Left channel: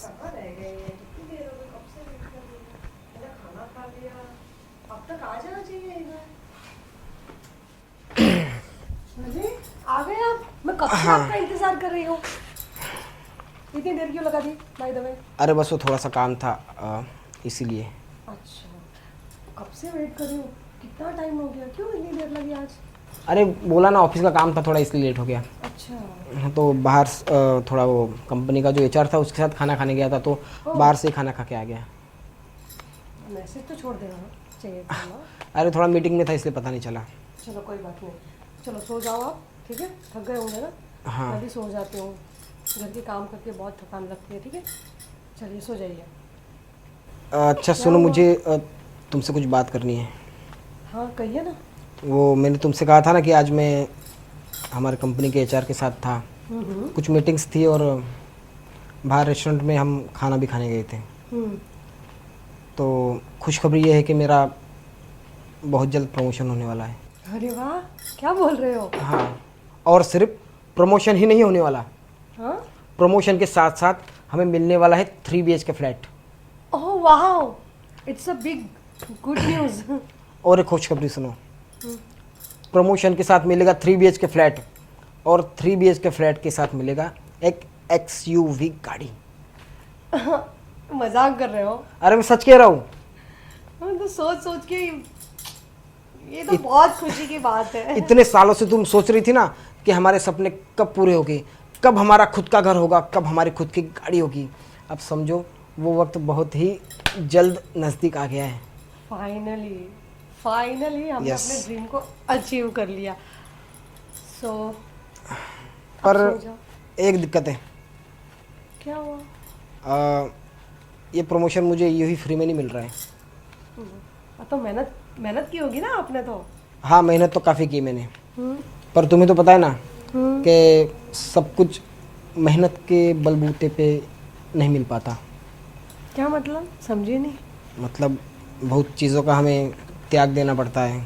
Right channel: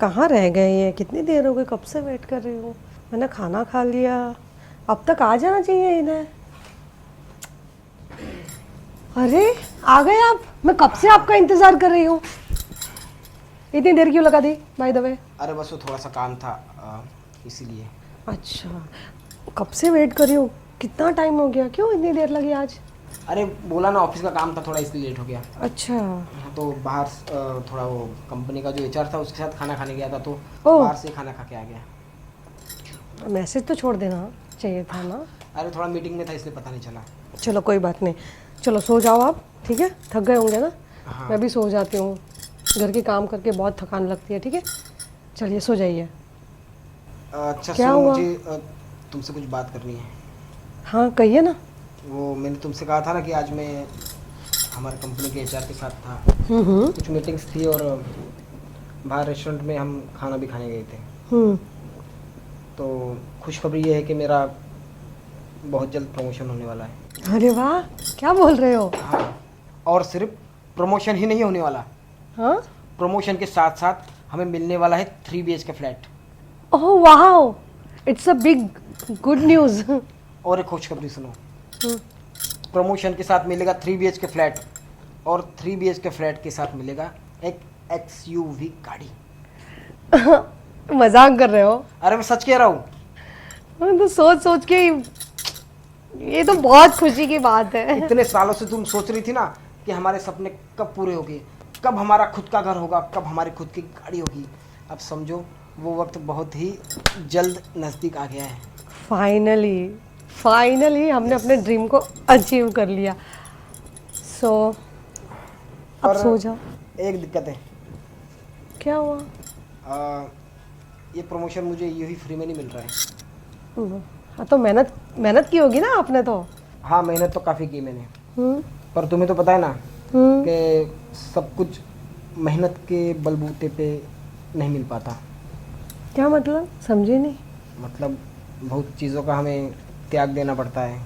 कहाँ रह गए ये? कितनी देर हो गई, कब से वेट कर रही हूँ। मैंने खाना खा लिया, अब तक आ जाना चाहिए इन्हें। अरे आ गए आप? मैं कब से हाँ। आपका इंतजार कर रही हूँ। इतनी देर क्यों लगा दी बाय द वे? अरे बस वो थोड़ा सा काम था, इसीलिए। अच्छा, कब से वेट कर रही हूँ। कितना टाइम हो गया, क्यों इतनी देर लगी आज? अरे बोला ना, ऑफिस का काम था थोड़ा, इसलिए लेट हो गया। अच्छा। हाँ, तो बाहर थोड़ा वो कंपनी का जो एचआर था उसके साथ खाना खाने गया था, तो ओह, बाहर से ही खाना खा के आ गया। मैसेज तो छोड़ देना चाहिए था ना। अरे थोड़ा मीटिंग में था इसलिए पता नहीं चला। चलो कोई बात नहीं, चलो सो जाओ आप, ठीक है? थक गए होंगे ना। हाँ। मैं भी सो जाती हूँ, घर के काम करके बहुत थकान लगती है, ठीक है? चलिए सो जाइए। अच्छा क्या सुनो, हुआ? मुझे तुमसे कुछ बात करनी है। हाँ कहिए ना। वो मैंने तुमसे कहा था ना कि आज मैं हमारे कंपनी के एचआर के साथ था। कुछ मीटिंग्स थी और बाहर रेस्टोरेंट में हम खाना भी खाने गए थे। हम्म। तो खुशखबरी ये है कि मेरा बहुत जल्द प्रमोशन होने वाला है। अरे वाह, क्या बोल रहे हो? हाँ, और सिर्फ प्रमोशन ही नहीं होने वाला, हाँ। प्रमोशन के साथ साथ हमें मिलने वाला है 3 BHK का फ्लैट। ओह वाह, it's a big good news. और एक खुशखबरी सुनो, प्रमोशन के साथ मिलेगा 3 BHK का फ्लैट, और 3 BHK के फ्लैट के साथ मिलेगा एक XUV गाड़ी। मजाक कर रहे हो? अरे मैं सच कह रहा हूँ। मैं तो सोच सोच के ये तो बहुत खुशी की बात है। इतने सालों से तुम सोच रही थी ना कि हमारे सपने कब पूरे होंगे, कब हमारा खुद का घर होगा, कब हमारी खुद की गाड़ी होगी। अब समझो वो वक्त बहुत ही जल्द नज़दीक आ गया है। फाइनली, फाइनली हमने यस। अपने ड्रीम को अचीव कर लिया। सो अब पर सो जाओ। एक दिक्कत है, क्या हुआ? ये प्रमोशन मुझे यूँ ही फ्री में नहीं मिल रहा है। हाँ तो मेहनत मेहनत की होगी ना आपने तो। हाँ, मेहनत तो काफ़ी की मैंने, हम्म। पर तुम्हें तो पता है ना हम्म। कि सब कुछ मेहनत के बलबूते पे नहीं मिल पाता। क्या मतलब, समझी नहीं। मतलब बहुत चीज़ों का हमें त्याग देना पड़ता है,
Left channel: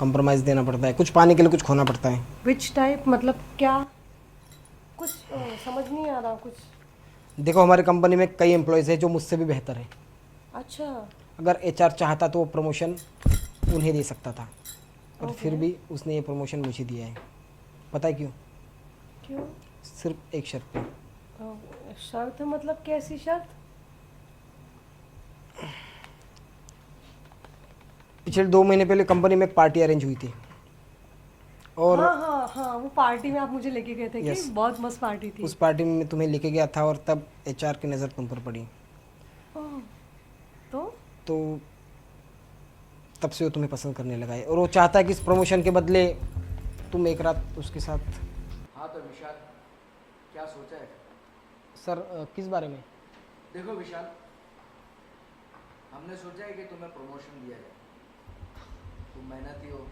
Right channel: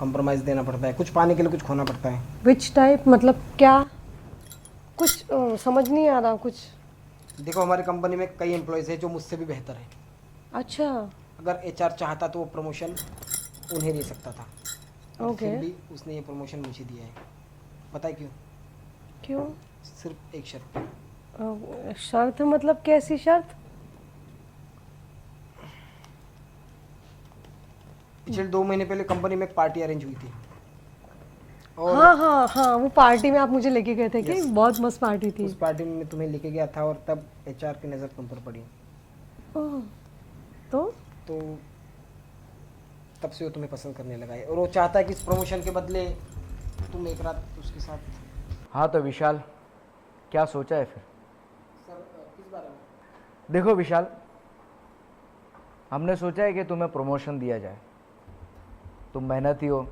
कंप्रोमाइज़ देना पड़ता है, कुछ पाने के लिए कुछ खोना पड़ता है। विच टाइप, मतलब क्या? कुछ समझ नहीं आ रहा कुछ। देखो, हमारी कंपनी में कई एम्प्लॉयज़ हैं जो मुझसे भी बेहतर है। अच्छा। अगर एचआर चाहता तो वो प्रमोशन उन्हें दे सकता था, पर ओके। फिर भी उसने ये प्रमोशन मुझे दिया है। पता है क्यों? क्यों? सिर्फ एक शर्त पे। शर्त मतलब कैसी शर्त? पिछले 2 महीने पहले कंपनी में एक पार्टी अरेंज हुई थी, और हाँ हाँ हाँ, वो पार्टी में आप मुझे लेके गए थे कि यस, बहुत मस्त पार्टी थी। उस पार्टी में मैं तुम्हें लेके गया था, और तब एचआर की नज़र तुम पर पड़ी। ओह, तो? तो तब से वो तुम्हें पसंद करने लगा है, और वो चाहता है कि इस प्रमोशन के बदले तुम एक रात उसके साथ। हाँ तो विशाल, क्या सोचा है फिर? सर, किस बारे में? देखो विशाल, हमने सोचा है कि तुम्हें प्रमोशन दिया जाए। तुम मेहनती हो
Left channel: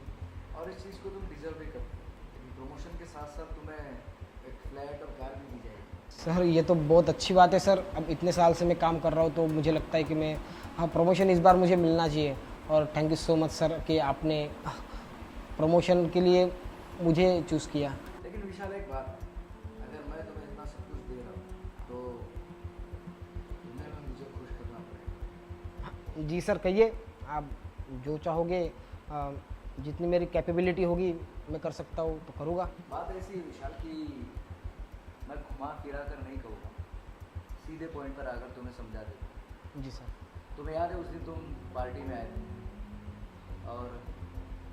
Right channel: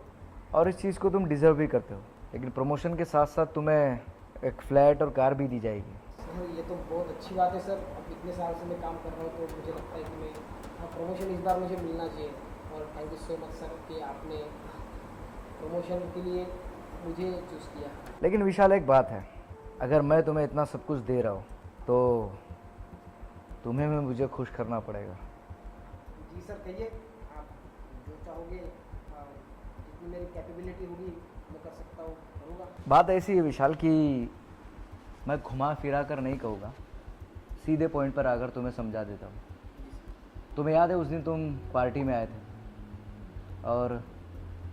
और इस चीज़ को तुम डिज़र्व भी करते हो, लेकिन प्रमोशन के साथ साथ तुम्हें एक फ्लैट और कार भी दी जाएगी। सर, ये तो बहुत अच्छी बात है सर। अब इतने साल से मैं काम कर रहा हूँ तो मुझे लगता है कि मैं, हाँ, प्रमोशन इस बार मुझे मिलना चाहिए। और thank you so much sir कि आपने प्रमोशन के लिए मुझे चूज़ किया। लेकिन विशाल एक बात है, अगर मैं तुम्हें इतना सब कुछ दे रहा हूँ तो तुम्हें भी मुझे खुश करना पड़ेगा। जी सर, कहिए, आप जो चाहोगे, जितनी मेरी कैपेबिलिटी होगी मैं कर सकता हूँ तो करूँगा। बात ऐसी है विशाल कि मैं घुमा फिरा कर नहीं कहूँगा, सीधे पॉइंट पर आकर तुम्हें समझा देता हूँ। जी सर। तुम्हें याद है उस दिन तुम पार्टी में आए थे और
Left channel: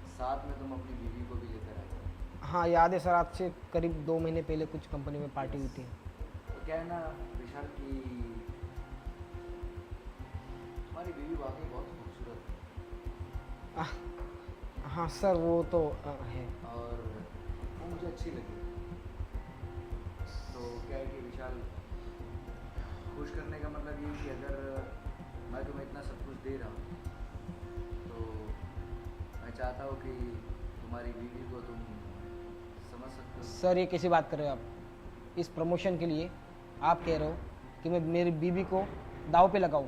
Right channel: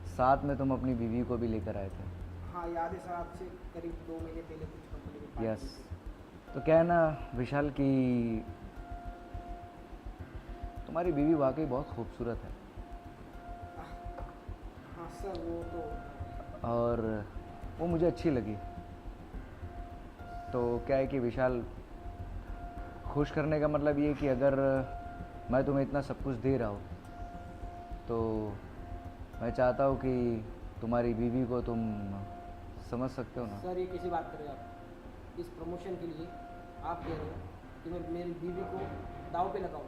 साथ में तुम अपनी बीवी को भी लेकर आए थे। हाँ याद है सर, आज से करीब 2 महीने पहले कुछ कंपनी में पार्टी हुई यस। थी। तो क्या है ना विशाल कि तुम्हारी बीवी वाकई बहुत खूबसूरत है। हाँ सर, वो तो है। और वो मुझे अच्छी लगी। तो क्या है कि विशाल, खुश करने का मतलब ये कि अगर मैं तुम्हें इतना सब कुछ दे रहा हूँ तो मैं चाहता हूँ कि तुम्हारी बीवी को तुम समझ सकते हो ना। सर, ये कैसी बात कर रहे हो आप? इस प्रमोशन के लिए आप कह रहे हो कि मैं मेरी बीवी को दाव पे लगाऊं?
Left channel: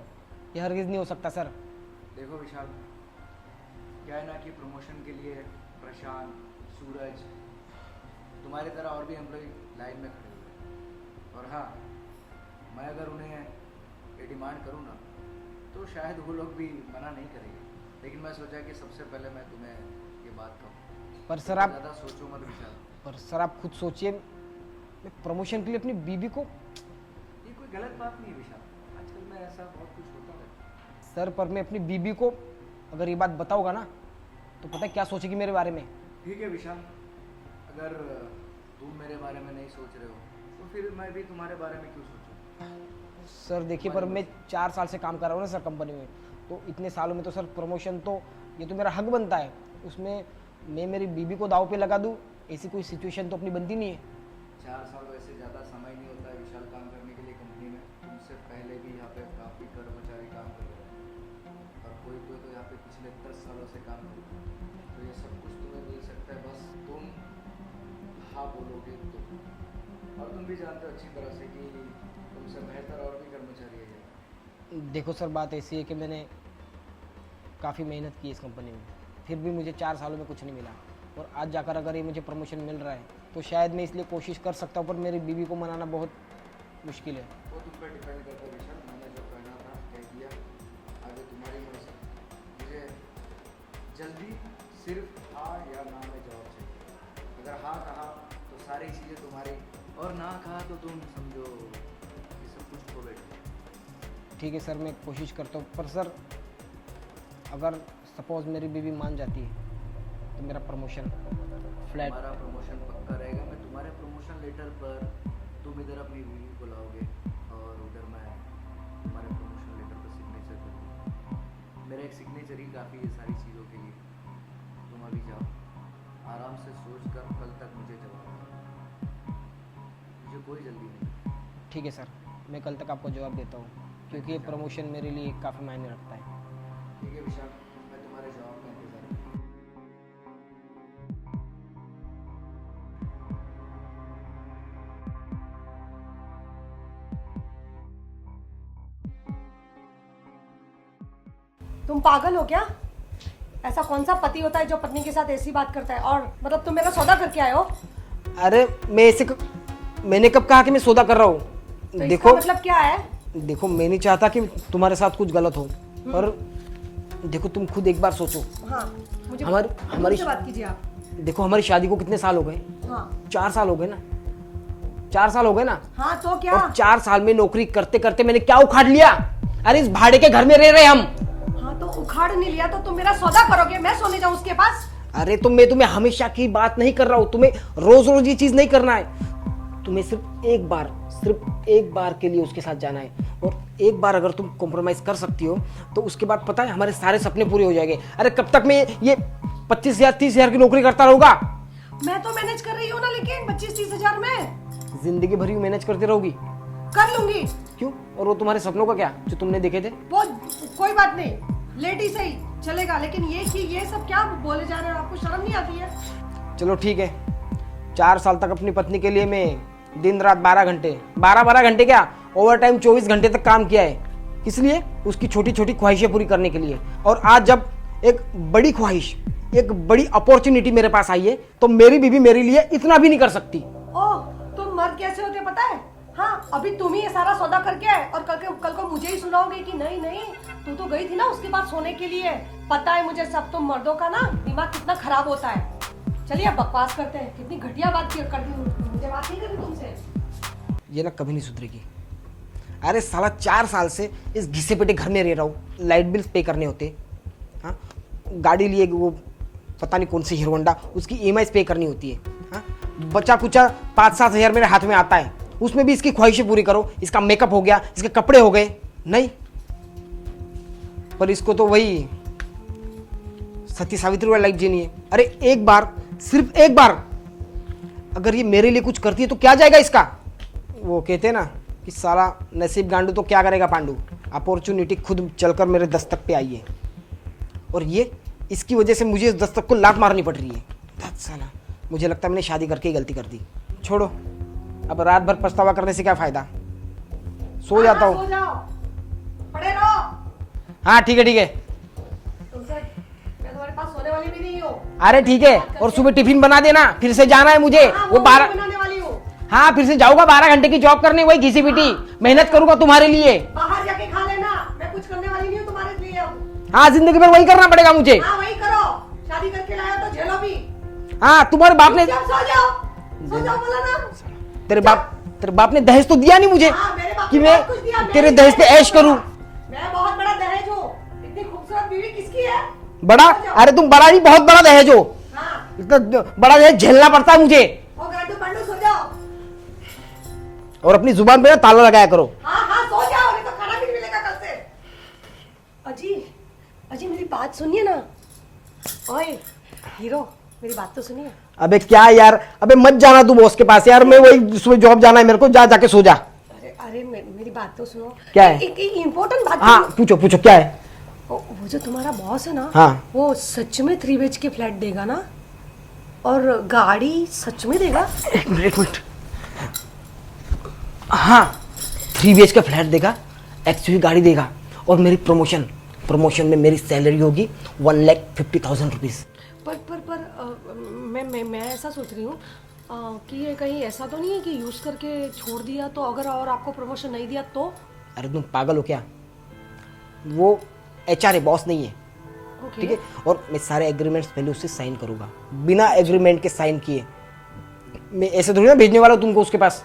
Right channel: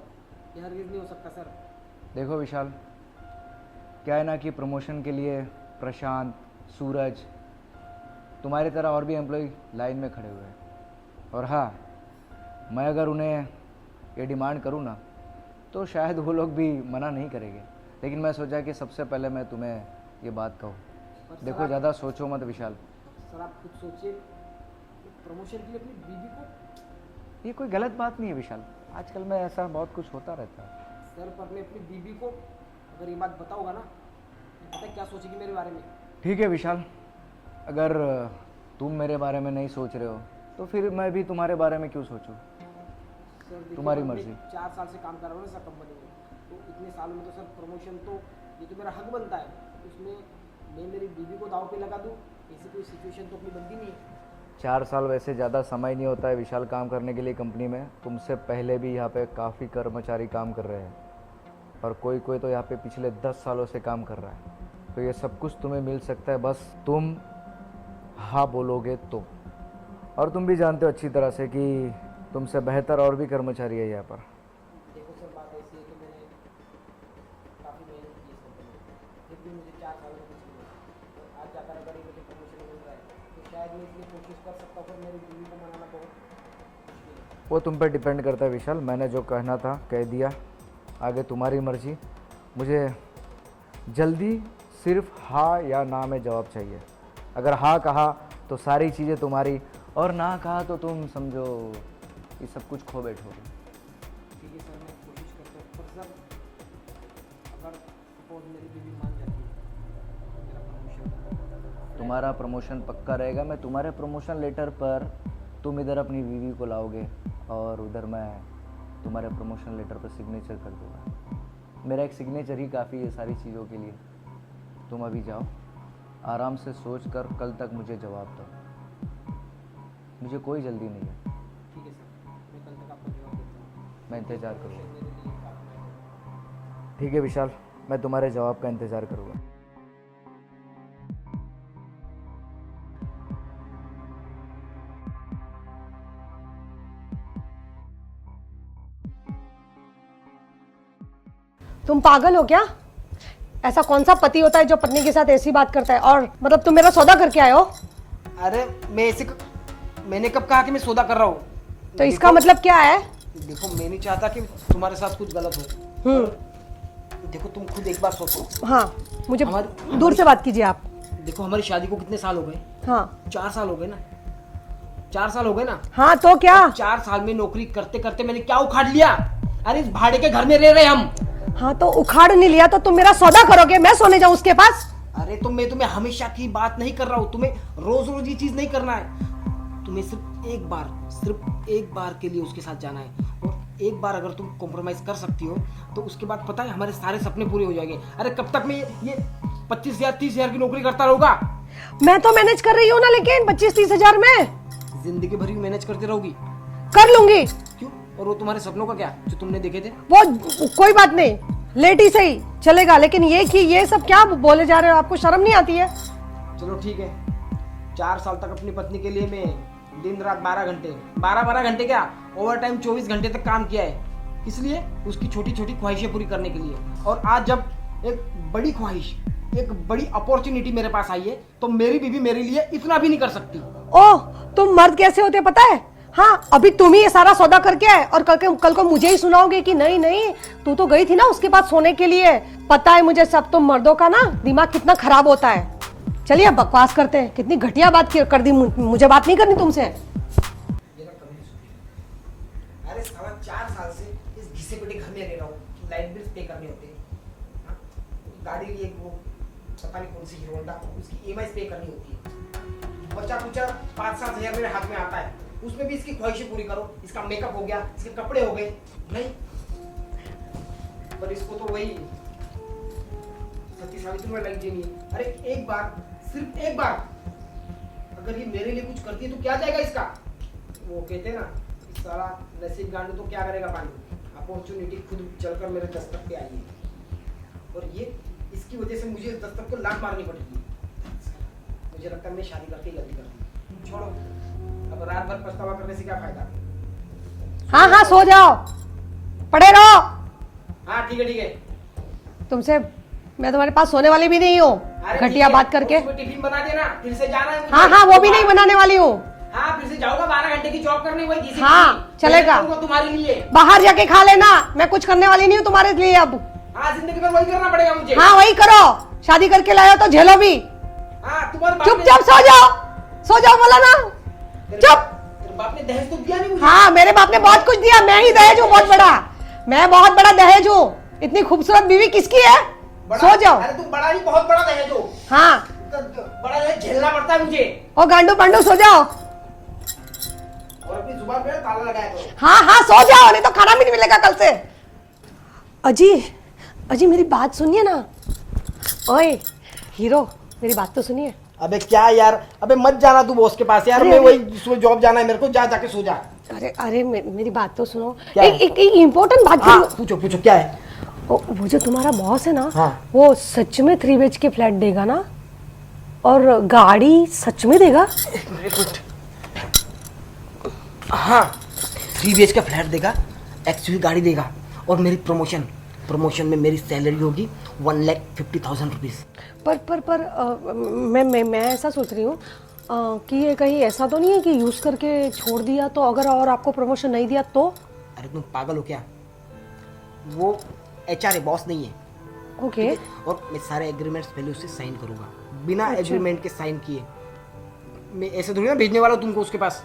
ये हरगिज़ नहीं हो सकता सर। देखो विशाल, क्या है ना कि प्रमोशन के लिए प्रशांत, सूरज, तुम्हारी तरह और भी एम्प्लॉय लाइन में खड़े हुए हैं। और हाँ, मैं अगर उन्हें ये डिमांड करूँ ना तो शायद वो लोग भी मना नहीं करेंगे, लेकिन मैं सोचा कि सबसे पहले मैं तुम्हें ये बात कहूँ। पर सर देखो, आप ज़्यादा सोचो मत विशाल। पर सर आप खुद सोचिए, प्रमोशन के लिए अपनी बीबी को। ये कोई गलत बात नहीं है विशाल, आजकल में ऐसा बहुत कुछ होता रहता है। सर पर मैं अपनी बीबी को अगर ये बात बताऊंगा ना तो पता है क्या सोचेगी मेरे बारे में। ठीक है विशाल, अगर तुम मेरे बारे में नहीं सोच रहे हो तो फिर मैं भी तुम्हारे बारे में क्यों सोचूं? सर देखिए, तुम्हारी पर मैं मर्जी। 4 साल से काम कर रहा हूँ ना सर कंपनी में, तो इतने सालों में तो सर प्रमोशन तो ये तो मेरा हक बनता है, उसमें मैं मेरी बीबी को दाव पे लगा दूँ, ऐसी कोई सिचुएशन तो अपनी बनती नहीं है। 4 साल वैसे ज़्यादा समय नहीं होता है विशाल काम करने के लिए कंपनी में। तुमसे पहले भी यहाँ पे काफ़ी कर्मचारी काम कर रहे हैं और कोई कोई तो यहाँ पे पिछले 10 सालों से काम कर रहा है। तो ये सब कुछ तुम्हें मिल सकता है, बस तुम हाँ बोलोगे तो। और तुम भी जानते हो अच्छी तरह से कि तुमसे बेहतर और भी कर्मचारी है यहाँ पर। देखो सर, बात ऐसी है कि मैंने काफ़ी मेहनत की इस कंपनी में, फिर भी मुझे 4 सालों में कुछ नहीं मिला, और आज जाकर अगर ये मुझे प्रमोशन मिल रहा है तो शायद मैं इसलिए कोशिश कर सकता हूँ, पर मेरी बीवी को मनाना बहुत मुश्किल है। वो तुम पर डिपेंड करता है विशाल। मैंने जो कहना था कह दिया, आगे तुम्हारी मर्जी। मुझे जल्दी सिर्फ हाँ या ना में जवाब चाहिए। अगर हाँ कहा तो सारी चीज़ें तुम्हारी, और ना कहा तो तुम समझो ये सब कुछ खो बैठो। ठीक है सर, मैं कोशिश करता हूँ, पर सर अगर सपोज मेरी बीवी मान जाती है तो मेरा प्रमोशन फ्लैट। तुम्हारा प्रमोशन पक्का रहेगा। मैं तुम्हारे प्रमोशन लेटर पर तुम इधर अपनी बीवी को लाओगे और उधर मैं तुम्हारे प्रमोशन लेटर पर सिग्नेचर कर दूँगा। मेरा एक सिग्नेचर ही काफ़ी है सारी चीज़ों के लिए। तुम अभी जाओ, आराम से सोच कर कल तक मुझे जवाब दो। मुझे कोई जल्दी नहीं है। ठीक है सर, मैं कल तक आपको जवाब देता हूँ, मैं क्योंकि इंतजार प्रमोशन मेरे लिए काफ़ी मायने रखता है। ठीक है विशाल, मैं तुम्हारे जवाब का इंतज़ार करूँगा। तुम पागल हो क्या? ऐसा कौन सा पति होता है जो पत्नी के साथ ऐसी बात करता है? और मतलब तुम मेरा सौदा करके आए हो? अरे मैंने कब कहा कि मैं सौदा कर रहा हूँ? तो इसका मतलब क्या है? देखो, मैं नहीं चाहता कि तुम्हारे साथ कुछ गलत हो, और देखो तुम खुद एक बार सोचो। हाँ, मुझे दूर से बात कीजिए आप। देखो, हमारी शादी को कितने साल हो गए? हाँ 4 साल हो गए ना। 4 साल हो गए ना। हाँ, तो क्या? 4 साल में नौकरी करते करते मैंने क्या उखाड़ लिया? अरे इस भाड़े के घर में रह रहे हम। हाँ, तो उखाड़ नहीं लिया तो तुम मेरा सौदा करोगे? मैं सोने जाऊं उसके पास? अरे तो मैं तुम्हें हमेशा की बात नहीं कर रहा हूँ, तुम्हें रोज रोज ये चीज नहीं करना है। तुम्हें सिर्फ एक बार के लिए उसके साथ जाना है, और एक बार अगर तुम कॉम्प्रोमाइज कर सकती हो तो उसके बाद पता है हमारे सारे सपने पूरे हो जाएंगे। अरे कब तक मैं ये 25,000 30,000 की नौकरी करता रहूंगा? मैं तो मैनेज कर रही हूँ ना, लेकिन 25-30 हजार में जिंदगी भर मैनेज करती रहोगी? कर लूंगी। क्यों? और वो तुम्हारे सपनों का क्या जो तुमने देखे थे? वो कोई बात नहीं, लेट ही सही चलेगा, लेकिन ये कि ये सब क्या बोले जा रहे हो? आपको शर्म नहीं आती है? चलो ठीक है, 4 साल तक अपनी पत्नी के लिए मैं दिन रात 12 घंटे क्या, ओवर टाइम 24 घंटे तक काम किया है। इसलिए उसकी छोटी छोटी ख्वाहिशें पूरी करने के लिए। और आज जब एक बड़ी ख्वाहिश, एक बड़ी अपॉर्चुनिटी मेरे पास आई है, तो मेरी बीवी मेरे लिए इतना भी नहीं कर सकती। ओह, तुम मर्द कैसे होते पता है? हाँ, अभी तुम ही ये सारा सौदा करके आए और कल को मुझे ही सुनाओगे कि नहीं नहीं तू तो गई थी ना उसके पास सोने के लिए। पता है मुझे सब। तुम मर्दों का ना दिमाग कितना खराब होता है। चलिए अब बकवास करते हैं। कितनी घटिया बात कर दी। मुझे बात नहीं करनी तुमसे। ये ना कभी नहीं सुधरेगी। अरे साला 4 साल से इस घिसे पिटे घर में रह रहा हूँ, लाइट बिल पे करने होते, हाँ, गाड़ी लिए वो पता नहीं कौन सी हीरो होंडा, उसकी EMI पे करनी होती है, हाँ, बचा कुचा 5-7 हज़ार मेरे हाथ में आता है, उसमें भी इसकी ख्वाहिशें पूरी करो। इसका मेकअप हो गया, इसके कपड़े हो गए, नहीं, पर इसको तो वही सती सावित्री वाली लाइफ जीनी है। अरे एक बार, सिर्फ एक बार अगर ये मेरे लिए कुछ करती है तो क्या जाएगा इसका? वो कहते हैं ना कि साला नसीब गांडू तो क्या करेगा पांडू। अपॉर्चुनिटी खुद चलकर मेरे दस्तक पे आई है, और ये इसकी वजह से मुझे इस दस्तक को लात मारनी पड़ रही है। धत साला, मुझे लगता है मैंने शादी करके ही गलती कर दी। छोड़ो, अब रात भर पछतावा करने से क्या फायदा। हाँ हाँ, सो जाओ, पड़े रहो। हाँ ठीक है। तुमसे मैं तुम्हारे पास सोने वाली भी नहीं हूँ। अरे ठीक है, और सुबह टिफिन बना देना, फिर से जाना है मुझे। हाँ, वो भी नहीं बनाने वाली हूँ। हाँ फिर से जाऊंगा 12 घंटे की जॉब करने, वही घिसी हाँ, पिटी मेहनत चलेगा। करूंगा तुम्हारे लिए। बाहर जाके खा लेना, मैं कुछ करने वाली नहीं हूँ तुम्हारे लिए अब। हाँ जिंदगी भर वही करना पड़ेगा मुझे। हाँ वही करो, शादी करके लाए हो तो झेलो भी। हाँ तुम्हारे बाप ने, चुपचाप सो जाओ बोला ना। तेरे बाप ने दहेज तो दिया नहीं मुझे। हाँ मेरे बाप ने बहुत कुछ दिया, मैं भी दहेज हूँ बहुत बड़ा। मैं बहुत बड़ा दहेज हूँ। इतनी खूबसूरत बीवी किसकी है? बड़ा? सो जाओ। अरे तुम बड़ा नहीं, बहुत बड़ा दहेज हो। हाँ इतना बड़ा दहेज झेलना पड़ता है मुझे। ओ गांडू पांडू सो जाओ। और अपनी जुबान पे ना ताला लगाया करो। हाँ हाँ सो जाओ, नहीं तो खाना भी नहीं मिलेगा कल से। अजी अजी मेरी बात सुनिए ना। ओए हीरो मेरी बात तो सुनिए। अबे क्या यार, अबे मत जाना तू बॉस के पास यार, मैं वही सुबह जॉब जाना है मेरे को, जा जाके सो जा। अरे अरे मेरी बात तो सुनो। क्या है? एक इम्पोर्टेंट बात हाँ सुनो। पूछो पूछो क्या है। वो जो तुम्हारा बॉस है ना, हाँ। वो सच में 3 BHK फ्लैट देगा ना? और गाड़ी सच में देगा? एक मिनट। हाँ 3 BHK का फ्लैट देगा, एक्चुअली गाड़ी देगा, और मेरी प्रमोशन में मेरी सैलरी होगी 1,50,000 रुपीज। मैं ऐसा सोच रही हूँ कि ये कहीं ऐसा तो नहीं है कि यूज करके छोड़ दिया तो, अगर और आपको प्रमोशन नहीं दिया तो? अरे तुम पागल हो क्या? वो HR है, बॉस नहीं है। ओके। ठीक है? और मैं सारे एग्रीमेंट्स पहले उससे साइन करूंगा, बिना एग्रीमेंट के साइन किए। मैं ऐसे थोड़ी ना भेजने वाला हूं तुमको उसके पास।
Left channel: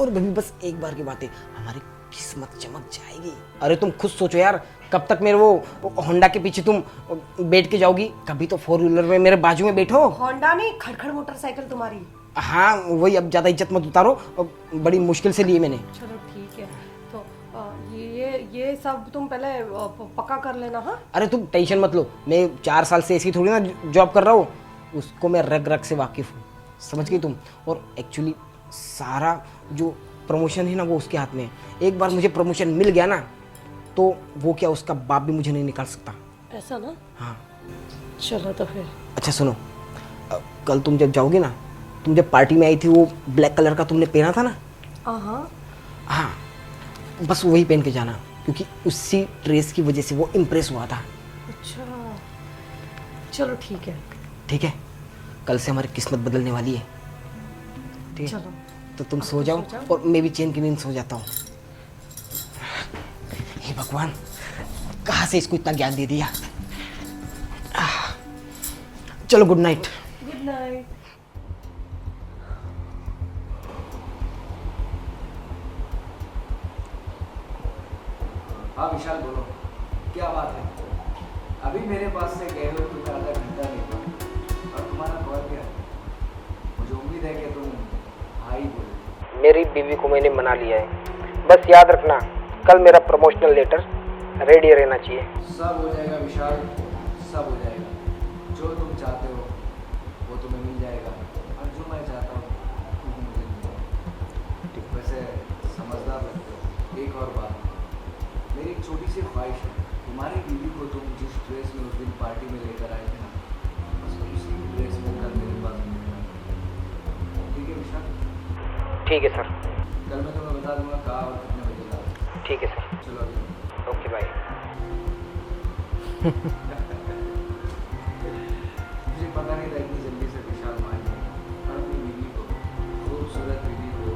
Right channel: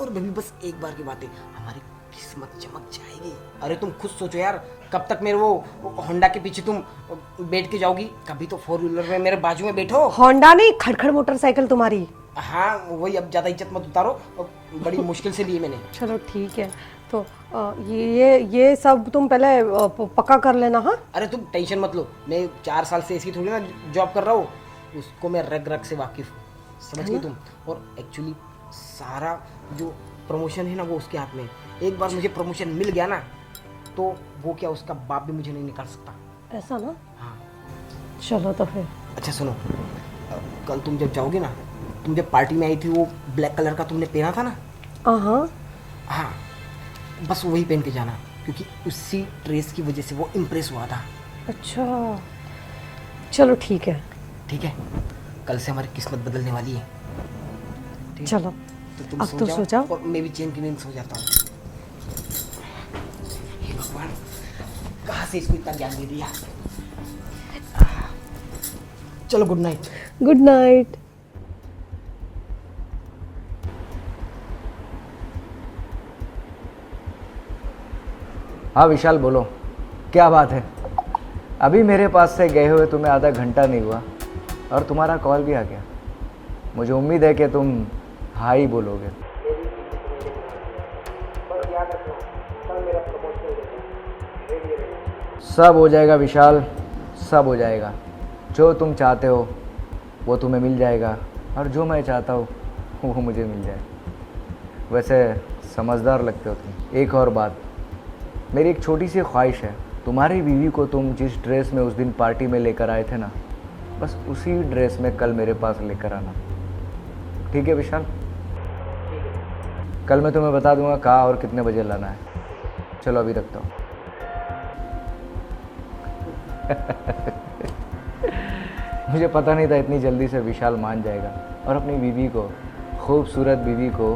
और भाभी बस एक बार की बात है, हमारी किस्मत चमक जाएगी। अरे तुम खुद सोचो यार, कब तक मेरे वो होंडा के पीछे तुम बैठ के जाओगी? कभी तो 4 व्हीलर में मेरे बाजू में बैठो। होंडा नहीं, खड़खड़ मोटरसाइकिल तुम्हारी। हाँ वही, अब ज्यादा इज्जत मत उतारो, बड़ी मुश्किल से ली मैंने। चलो ठीक है, तो ये सब तुम पहले पक्का कर लेना। हाँ अरे तुम टेंशन मत लो, मैं 4 साल से ऐसी थोड़ी ना जॉब कर रहा हूँ, उसको मैं रग रग से वाकिफ हूँ, समझ गई तुम। और एक्चुअली सारा जो प्रमोशन है ना वो उसके हाथ में है। एक बार मुझे प्रमोशन मिल गया ना, तो वो क्या, उसका बाप भी मुझे नहीं निकाल सकता। ऐसा ना? हाँ चलो तो फिर। अच्छा सुनो, कल तुम जब जाओगे ना, तुम जब पार्टी में आई थी वो ब्लैक कलर का तुमने पहना था ना? हाँ हाँ बस वही पहन के जाना, क्योंकि उसी ड्रेस की वजह से वो इम्प्रेस हुआ था। अच्छा चलो ठीक है। ठीक है, कल से हमारी किस्मत बदलने वाली है। ठीक है? चलो तो तुम अब सो तो जाओ, सो जाओ। और मैं भी चैन की नींद सो जाता हूँ। हे भगवान, कहाँ से इसको इतना ज्ञान दे दिया। चलो गुड नाइट। Good night. हाँ विशाल बोलो, क्या बात है? अभी मेरे पास से गए हुए तुम्हें आधा घंटा नहीं हुआ और तुम्हारा कॉल भी आ गया। मुझे उम्मीद है कि तुम हाँ ही बोलोगे। मेरी बीवी को मैंने मना लिया है, बस याद रखना कल मेरा प्रमोशनल लेटर रेडी रहना चाहिए। सब हो जाएगा विशाल, सब हो जाएगा। जो तुम चाहते हो वो तुम्हें मिल जाएगा, और जो मैं चाहता हूँ वो मुझे मिल जाएगा। वैसे समझदार लगते हो तुम। एक और बात, मेरी एक छोटी सी ख्वाहिश है, तुम्हारी बीवी को तुम जिस ड्रेस में उस दिन पार्टी में लेकर आए थे ना, बस उसी ड्रेस में कल मेरे पास लेकर आना। ठीक है विशाल? ठीक है सर। कल मैं तुम्हें बता दूंगा कहाँ और कितने बजे लाना है। ठीक है सर। चलो अभी रखता हूँ। Okay bye. मुझे पता नहीं था इतनी जल्दी से विशाल मान जाएगा और अपनी बीवी को, खूबसूरत बीवी को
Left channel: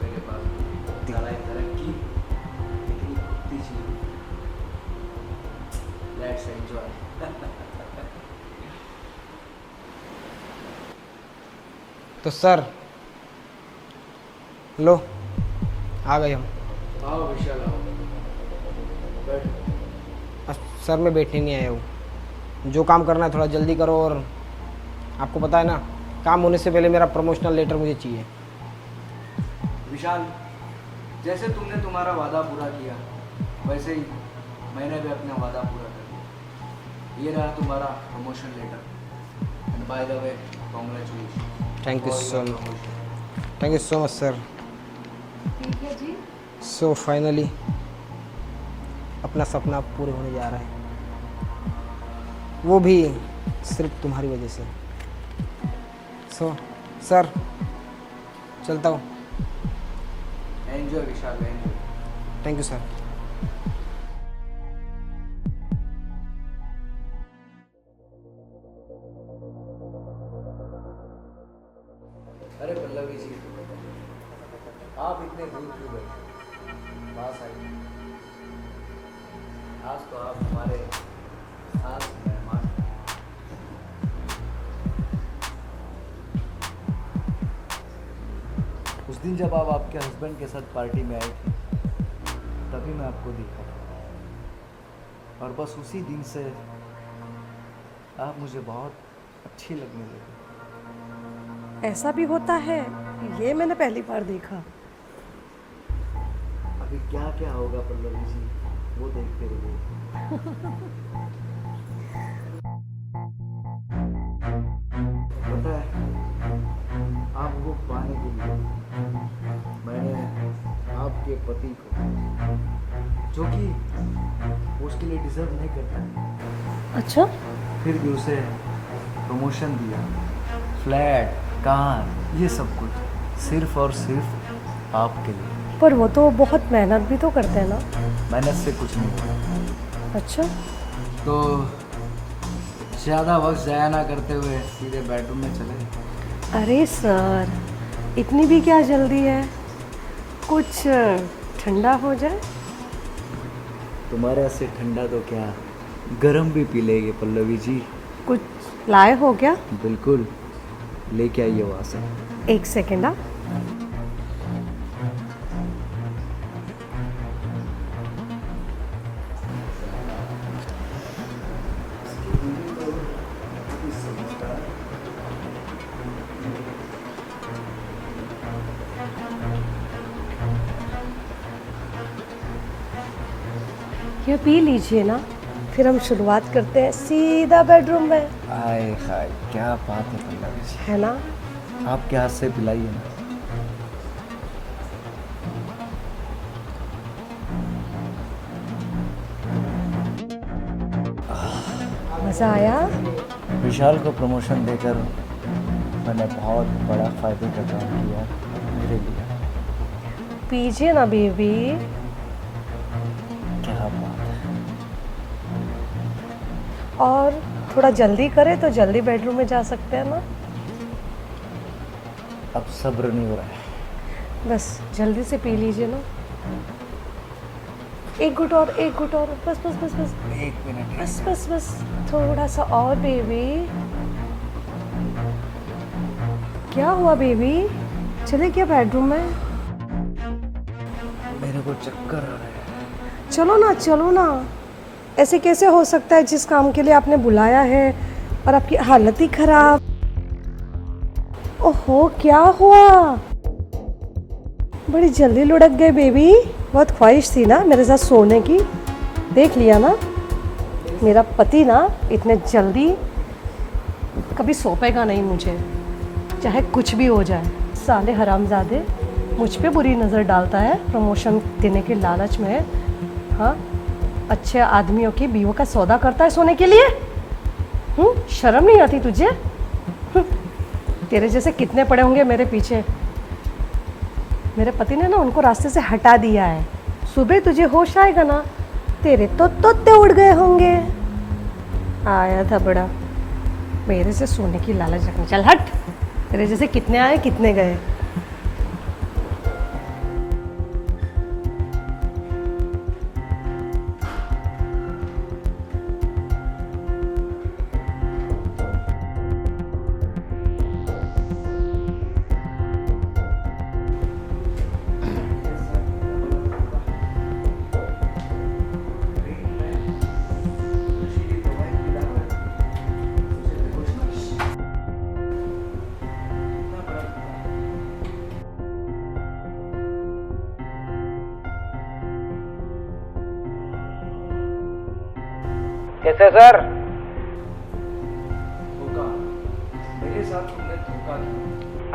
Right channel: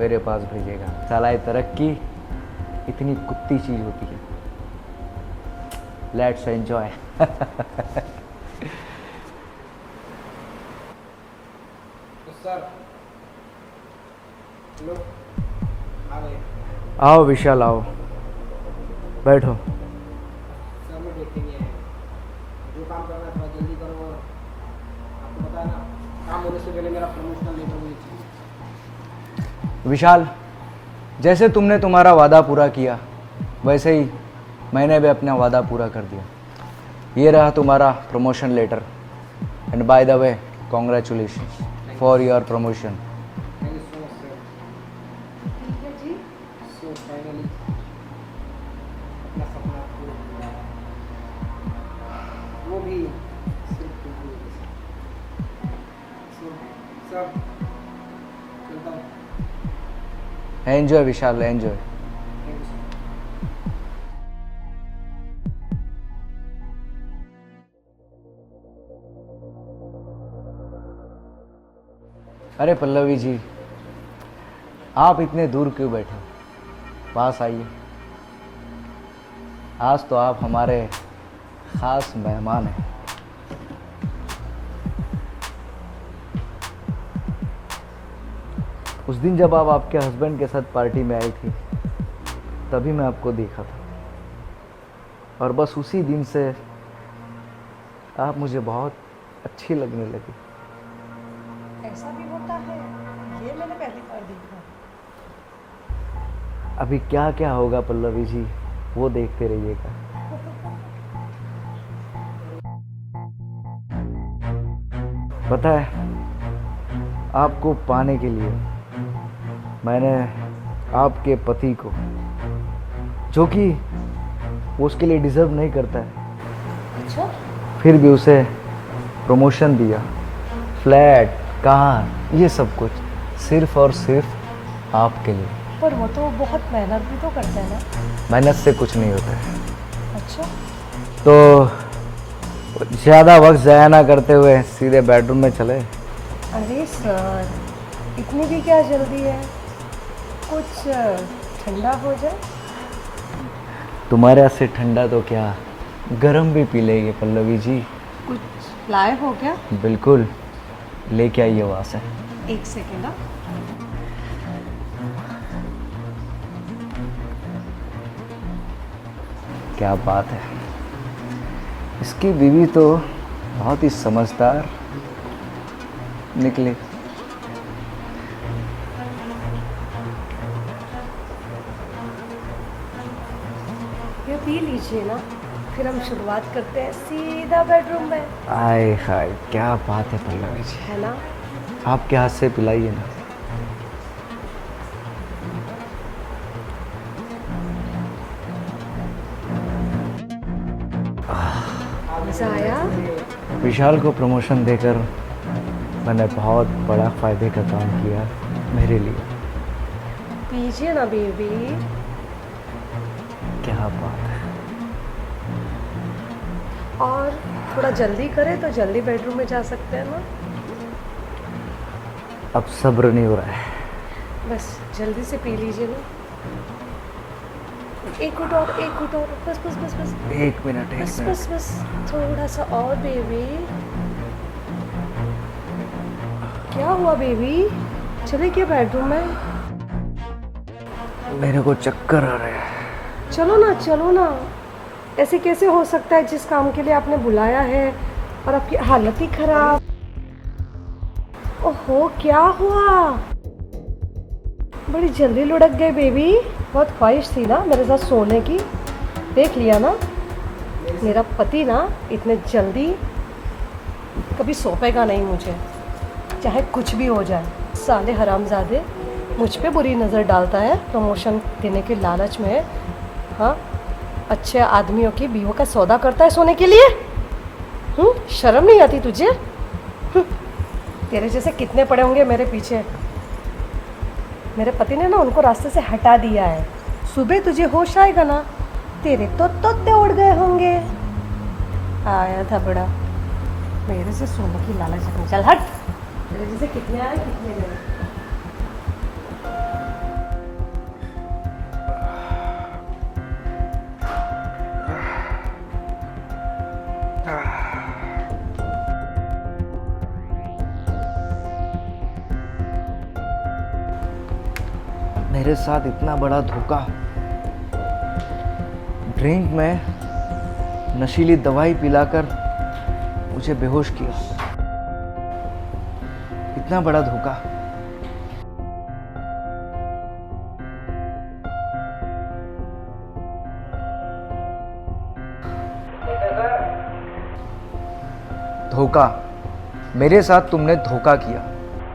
मेरे पास भेजेगा। साला तरक्की इतनी कुत्ती चीज़ होती है। Let's enjoy. तो सर लो आ गए हम। आओ विशाल आओ, बैठो। सर मैं बैठने नहीं आया हूँ, जो काम करना है थोड़ा जल्दी करो, और आपको पता है ना काम होने से पहले मेरा प्रमोशनल लेटर मुझे चाहिए। विशाल, जैसे तुमने तुम्हारा वादा पूरा किया वैसे ही मैंने भी अपना वादा पूरा कर दिया। ये रहा तुम्हारा promotion letter, and by the way congratulation Thank you for so your much. Promotion. Thank you so much sir. So finally अपना सपना पूरा होने जा रहा है, वो भी सिर्फ तुम्हारी वजह से। सो सर चलता हूँ। Enjoy Vishal, enjoy. Thank you sir. अरे पल्लवी जी, आप इतने दूर क्यों बैठे, पास आइए। आज तो आप हमारे खास मेहमान हैं। उस दिन जब आप आपके हस्बैंड के साथ पार्टी में आई थी, तभी मैं आपको देखा था, और बस उसी दिन से आप मुझे बहुत अच्छी लगने लगी। ऐसा भी होता है, ये मैंने पहली बार देखा। अभी क्या क्या होगा पल्लवी जी, वो देखते रहिएगा। पता है, आपको पाने के लिए मैंने आपके पति को, जो कि वो उसके लिए डिजर्व नहीं करता है, अच्छा, फिर भी उसे प्रमोशन दिया, फ्लैट, कार, ये सब कुछ सिर्फ और सिर्फ आपके लिए। पर वो तो बहुत मेहनत भी तो करते हैं ना। मेहनत से कुछ नहीं होता है। अच्छा, तो ज़्यादा वक्त ज़ाया ना करते हुए सीधे बेडरूम में चले। अरे सर, इतनी भी क्या जल्दी है, कुछ ठंडा हो जाए। तुम्हारे हाथ से ठंडा तो क्या, गरम भी पी लेंगे पल्लवी जी। कुछ लाए हो क्या? बिल्कुल, लेके आइए वहाँ से। एक सेकेंड। हाँ, क्या बात है, इसकी बीवी तो बहुत ही समझदार निकली। ये पी लीजिए ना, फिर हम शुरुआत करते हैं सीधा बेडरूम में, आए हाय, क्या बात है पल्लवी जी, है ना? आपके हाथ से पिलाइए ना। मज़ा आया? विशाल को प्रमोशन देकर मैंने बहुत बड़ा फायदे का काम किया मेरे लिए। पीजिए ना बेबी। क्या बात है। और थोड़ा जल्दी करें तो जल्दी बेडरूम में जा सकते हैं ना। अब सब्र नहीं हो रहा है। बस जल्दी से पी लीजिए ना। एक घुट और, एक घुट और, बस बस बस बस एक मिनट, एक बस मिनट। बस बस, थोड़ा सा और बेबी। क्या हुआ बेबी, चले क्या बेडरूम में? मेरे को चक्कर आ रहा है। चलो ना, चलो ना। ऐसे कैसे हो सकता है, जिस काम के लिए आपने बुलाया है और आपकी हालत ही खराब। ओहो, क्या हुआ? बड़ी जल्दी लुढ़क गए बेबी। बहुत ख्वाहिश थी ना मेरे साथ सोने की, देख लिया ना। मेरा पति ना इतने जल्दी कभी सौंपेगा नहीं मुझे, चाहे कुछ भी हो जाए। साले हरामजादे मुझ पे बुरी नज़र डालता है प्रमोशन देने के लालच में। हाँ, अच्छे आदमियों की बीवों का सौदा करता है सोने के लिए। शर्म नहीं आती तुझे? तेरे जैसे कितने पड़े होंगे मेरे पीछे। मेरे पति ने ना उनको रास्ते से हटा दिया है। सुबह तुझे होश आएगा ना, तेरे तो तोते उड़ गए होंगे। आया था बड़ा मेरे से सोने की लालच रखने। चल हट, तेरे जैसे कितने आए कितने गए। मेरे साथ इतना बड़ा धोखा। ड्रिंक में नशीली दवाई पिलाकर मुझे बेहोश किया। इतना बड़ा धोखा। कैसे सर? धोखा, मेरे साथ तुमने धोखा किया।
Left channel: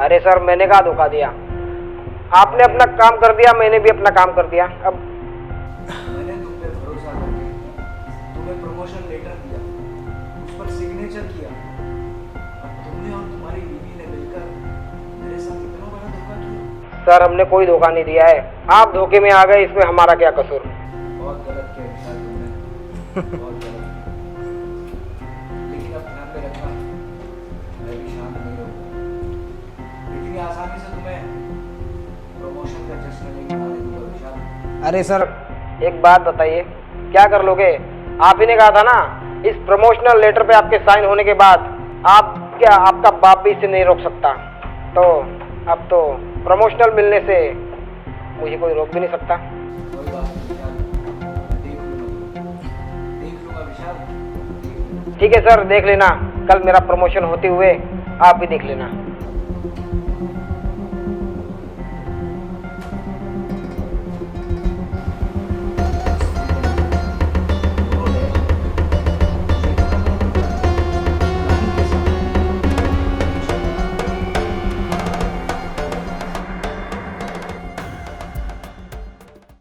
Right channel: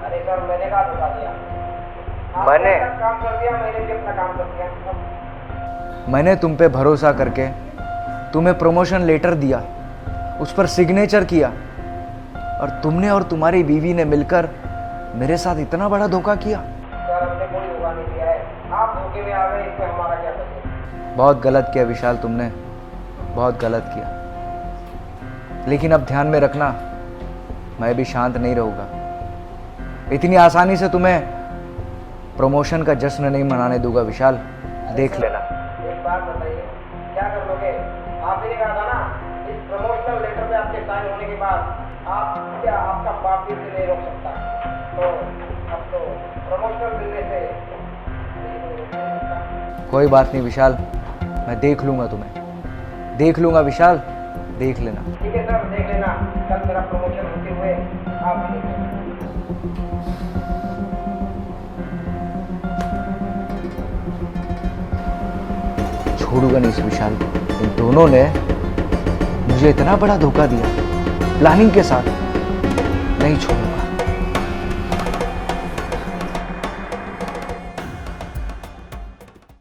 अरे सर, मैंने कहा धोखा दिया? आपने अपना काम कर दिया, मैंने भी अपना काम कर दिया। अब मैंने तुम पे भरोसा करके तुम्हें प्रमोशन लेटर दिया, उस पर सिग्नेचर किया, और तुमने और तुम्हारी बीवी ने मिलकर मेरे साथ इतना बड़ा धोखा किया। सर, हमने कोई धोखा नहीं दिया है, आप धोखे में आ गए, इसमें हमारा क्या कसूर? बहुत गलत किया विशाल तुमने, बहुत गलत किया। लेकिन अब ध्यान में रखना, मैं भी शांत नहीं रहूंगा। इतनी आसानी से तुम्हें प्रमोशन का जश्न नहीं मनाने दूंगा विशाल। अरे देख सर लेना। एक बात बताइए, क्या कर लोगे? आप ही ने कहा था ना इस प्रमोशनल लेटर पे आपके साइन होने के बाद आपका बाप भी इसे नहीं रोक सकता। तो अब तो प्रमोशनल मिलने से मुझे कोई रोक भी नहीं सकता। कोई बात नहीं विशाल, मैं देख लूंगा तुम्हें, देख लूंगा विशाल, देख लेना। ठीक है सर, देख लेना। कल मेरा प्रमोशन होते हुए आप भी देख लेना। छोड़ूंगा नहीं इस विशाल को। इन दोनों ने मुझे इतना बड़ा धोखा दिया प्लानिंग के साथ।